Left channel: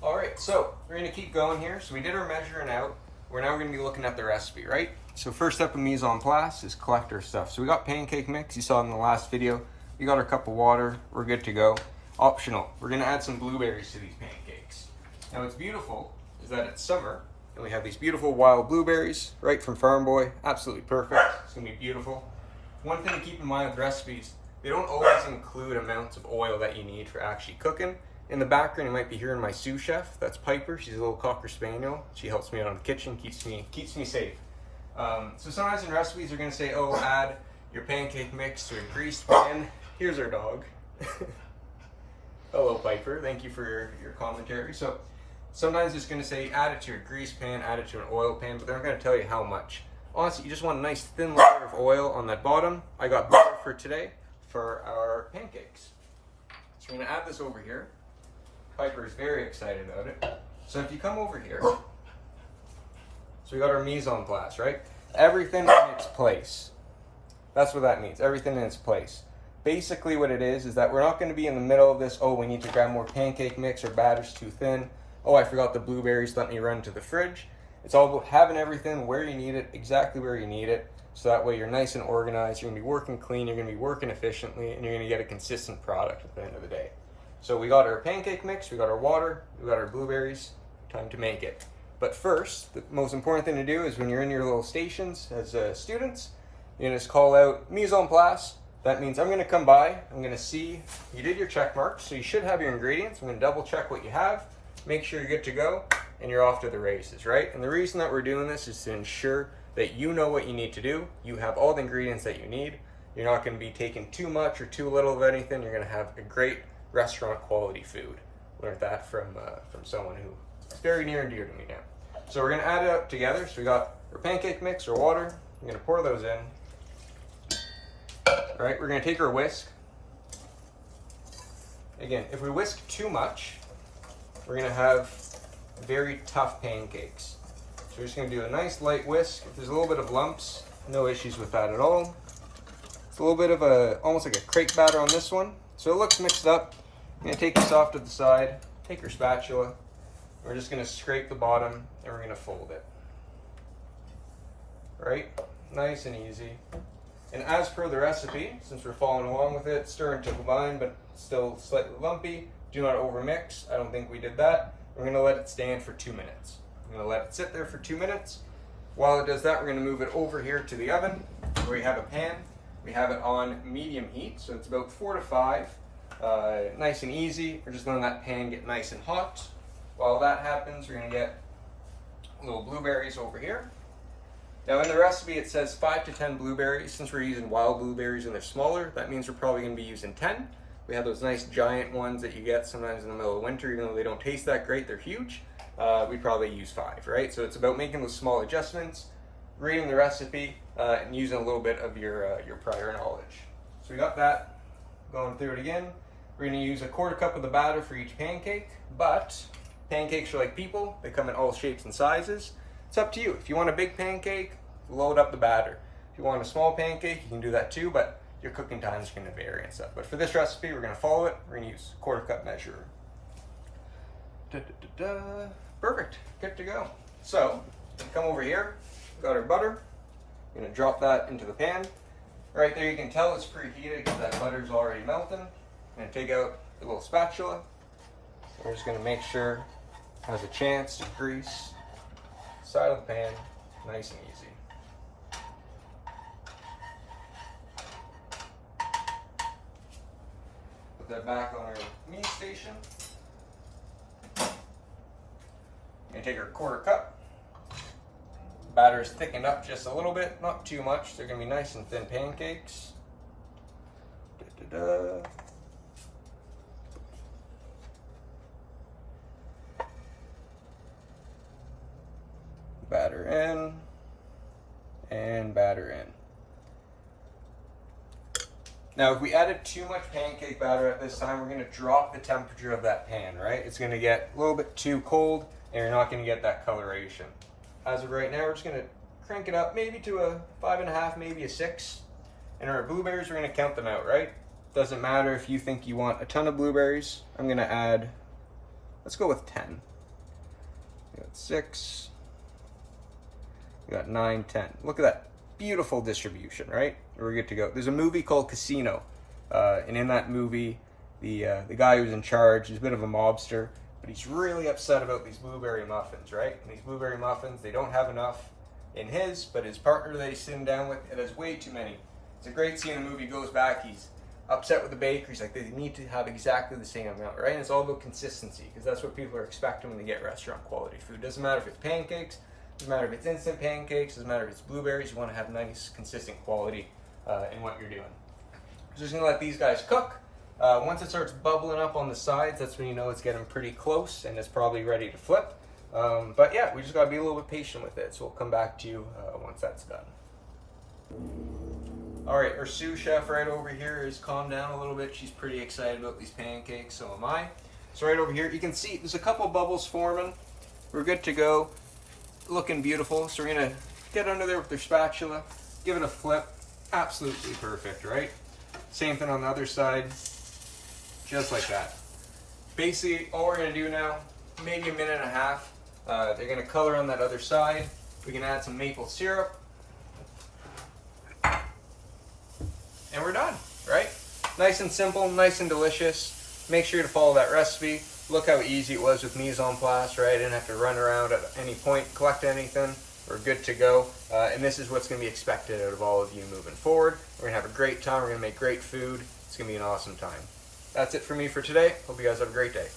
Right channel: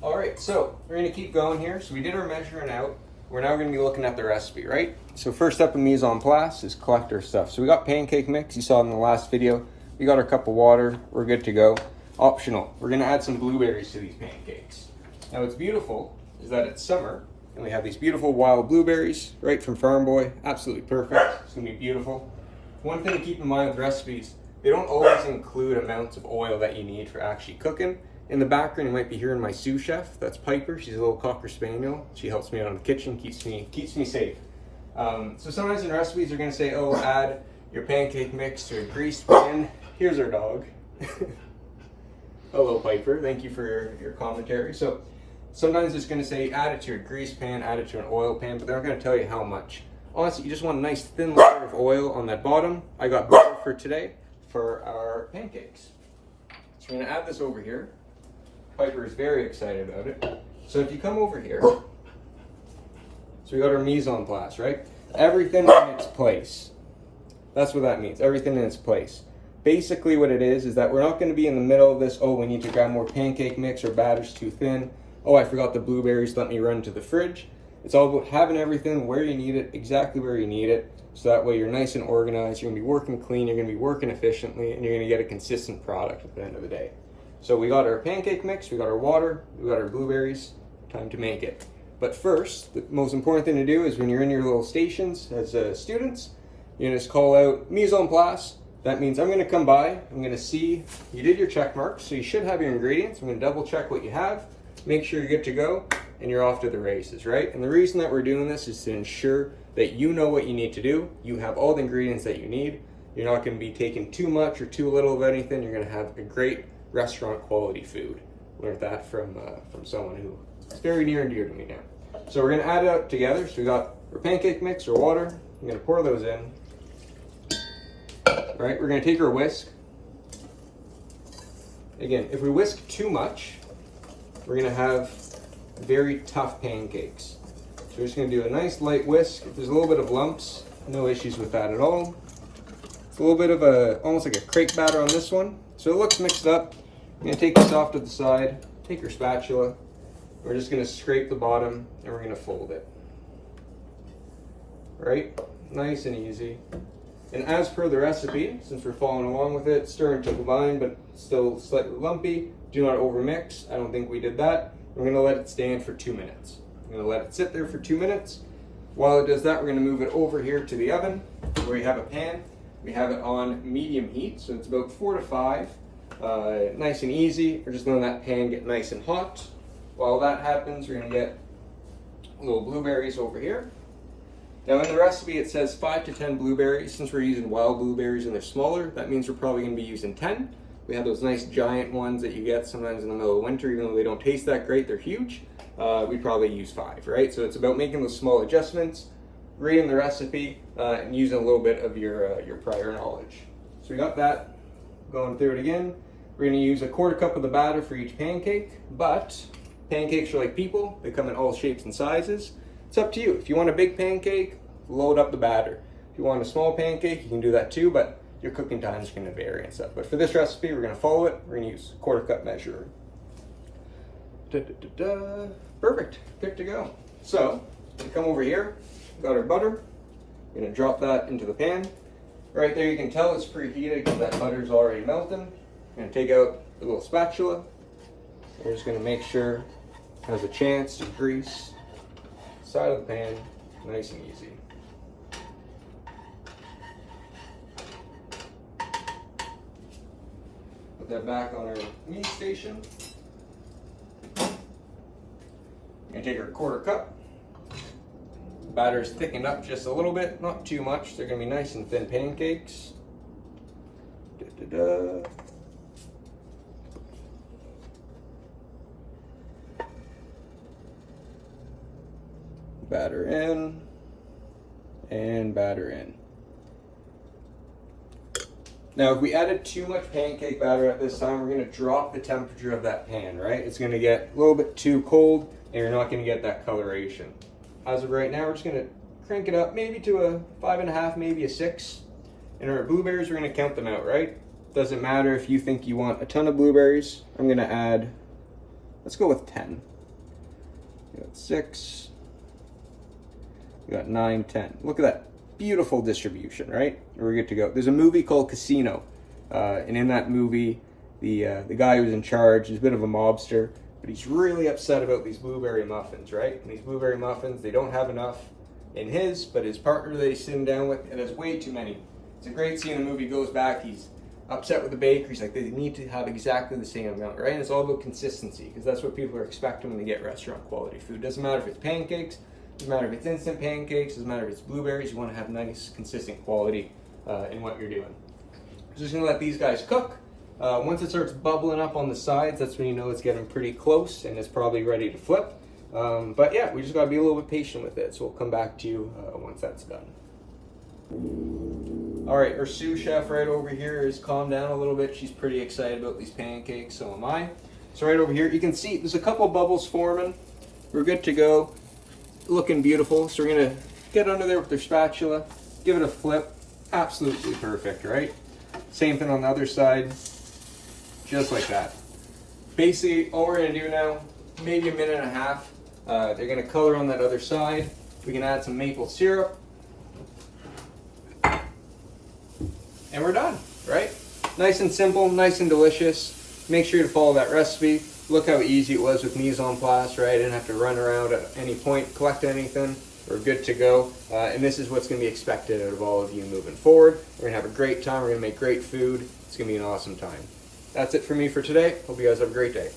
All right, so we're gonna keep going here. So we did our measuring out. We're now gonna be looking at the recipe, right? So first step in mise en place is collect our stuff. So we got pancake mix, you saw in the last video. We got our cup of water, we're good to go. Optional, we're gonna add some blueberries to these pancakes. Now what's beautiful is that it's summer and we have these beautiful wild blueberries right from Farm Boy. Absolutely perfect, it's gonna be beautiful. One thing to keep in mind with recipes, they don't always include amounts of oil that you need for actually cooking. In the background, you might be hearing my sous chef. That's Piper. She's a little Cocker Spaniel. She helps me out in the kitchen, keeps me safe. So sometimes in recipes, they're gonna say, oh, add your pancake mix to a greased pan. Here's our dog. Hello, Piper. Thank you for your commentary. So sometimes it's gonna say, add it to a greased pan, add it to an oil pan, but they're not gonna tell you how much. Honestly, you just want a nice thin layer of oil on that bottom. I got butter for today for our pancakes. So we're gonna add this over here. Piper is very excited about it. So if you come over here, so we got our mise en place, right? Everything in its place. That's what that means, everything in its place. Basically what it is that we're not gonna be in the middle of this, oh, we need to grab more pancake mix or batter's too thin. Oh, I forgot the blueberries, let me run to the fridge. It's all about having everything where you need it, exactly where you need it. So that way you're nice and organized, you're gonna be working clean, you're gonna be working efficiently, and you're gonna get a consistent product at the end of the day. So we got our pancake mix, we got our water, we got our blueberries, time to make it. But first, the most important thing to do is when you're in your little stations as students, you just call out mise en place. That means I'm gonna come by, I'm gonna see you did your check marks, so you should have your ingredients. I'm gonna double check what you have, make sure you're good to go, and you're off to the races, right? And the reason that we're doing this is to ensure that you know what you need to do, you have all the ingredients that you need, you're not gonna be taking too much or too little of anything, you're gonna have a great restaurant quality food. Learned that from someone who is very near and dear to me now. So we're gonna add it up together. So we got our pancake mix, our water. I'm gonna pour those in. All right, we're gonna take our whisk. Again, if we whisk too much, we're gonna have very tough pancakes. So we're just gonna do a nice light whisk. If there's a little bit of lumps, no issues with that at all. It's a little bit of almost like a crepe batter on this one. So it looks mixed up. I'm gonna take this off to the side, take your spatula. We're just gonna scrape the bottom and we're gonna fold it. Right? Nice and easy. And as per the recipe, since we're following along with it, stir until combined, but still slightly lumpy. Do not overmix. I don't think we did that. We're gonna let it stand for 2 minutes. I'm gonna let it sit there for 2 minutes. While it does that, we're gonna move it over here to the oven where we have a pan. We have it on medium heat, so it's about 4 to 5. Nice and easy. We're just letting that pan get nice and hot. While that happens, we're gonna get little blueberries over here. Now in the recipe it says 5 to 10 blueberries. Since we're using wild blueberries and they're smaller, that means we're probably gonna be using 10. We have those nice giant ones that you get sometimes in the middle of winter, even though they don't taste that great, they're huge. We probably use 5, right? So it's about making those small adjustments, reading the recipe, and using a little bit of your prior knowledge. So we got that, going through it again. We're gonna use a 1/4 cup of the batter for each pancake, but pancakes are like people, they come in all shapes and sizes. It's up to you. If you want a big pancake, load up the batter. If you want a small pancake, you can do that too, but your cooking time is gonna vary and stuff. But for this recipe, we're gonna follow it. We're gonna use 1/4 cup measure. Perfect, good to go. So, come over here, got our butter. We're gonna drop that into the pan. Right there, you can tell it's preheated because that butter's already melting. I'm gonna take out the little spatula. We're just gonna make sure it has a chance to grease the side of the pan, nice and easy. Put that back on our meat station. Gonna take our 1/4 cup. Batter's thickened up just a little bit, not too much. They're gonna be nice and thin pancakes. Batter in and batter in. Now, if we added too much pancake batter at this time, we're gonna drop the temperature of that pan, right? It's gonna get a little bit too cold and you're not gonna get that coloration. As of right now, we're just gonna crank it up maybe to a 5.5, maybe a 6. And our blueberries, we're gonna count them out, right? Doesn't matter if you think you want a ton of blueberries. I'm gonna add Let's go with 10. We got 6. We got 9, 10. Look at that beautiful distribution, right? We're good to go. There's a movie called Casino, and in that movie, the guy who's in charge is a bit of a mobster, but he's really upset about these blueberry muffins, right? And these blueberry muffins, they don't have enough in his, but his partner that he's sitting down with, it has way too many. It's a great scene in the movie. He goes back, he's upset with the baker. He's like, they need to have exactly the same amount, right? And it's all about consistency, because that's what people are expecting when they get restaurant quality food. Doesn't matter if it's pancakes, doesn't matter if it's instant pancakes, doesn't matter if it's blueberries. You want to have nice, consistent quality in what you're doing. So just gonna let these guys cook. Once it starts bubbling up on the sides, that's when you know it's getting pretty close and it's probably ready to flip. But yeah, we just gotta be a little bit patient with it. So we'll come back to you once that's done. All right, our sous chef right over here has calmed down a little bit. She's pretty excited about these pancakes, so am I. So right over here, you can see there's a couple bubbles forming. We're good to go. Looking beautiful. So we're gonna get under there with their spatula, give it a flip. Absolutely perfect, right? Same thing on the other side, just like that. Basically, all we're gonna do now, maybe a minute and a half. They're gonna color on that other side. We can add some maple syrup. And we're done, right? Nice and simple, nice and delicious. Make sure to follow that recipe. Look how easy it was with mise en place, right? I didn't have to run around at any point, collect anything. We're good to go. And this is what's gonna be expected out of all of you moving forward. We're gonna have a great time. We're gonna make great food. It's gonna be an awesome time. That's it for me for today. Hope you guys have a great day.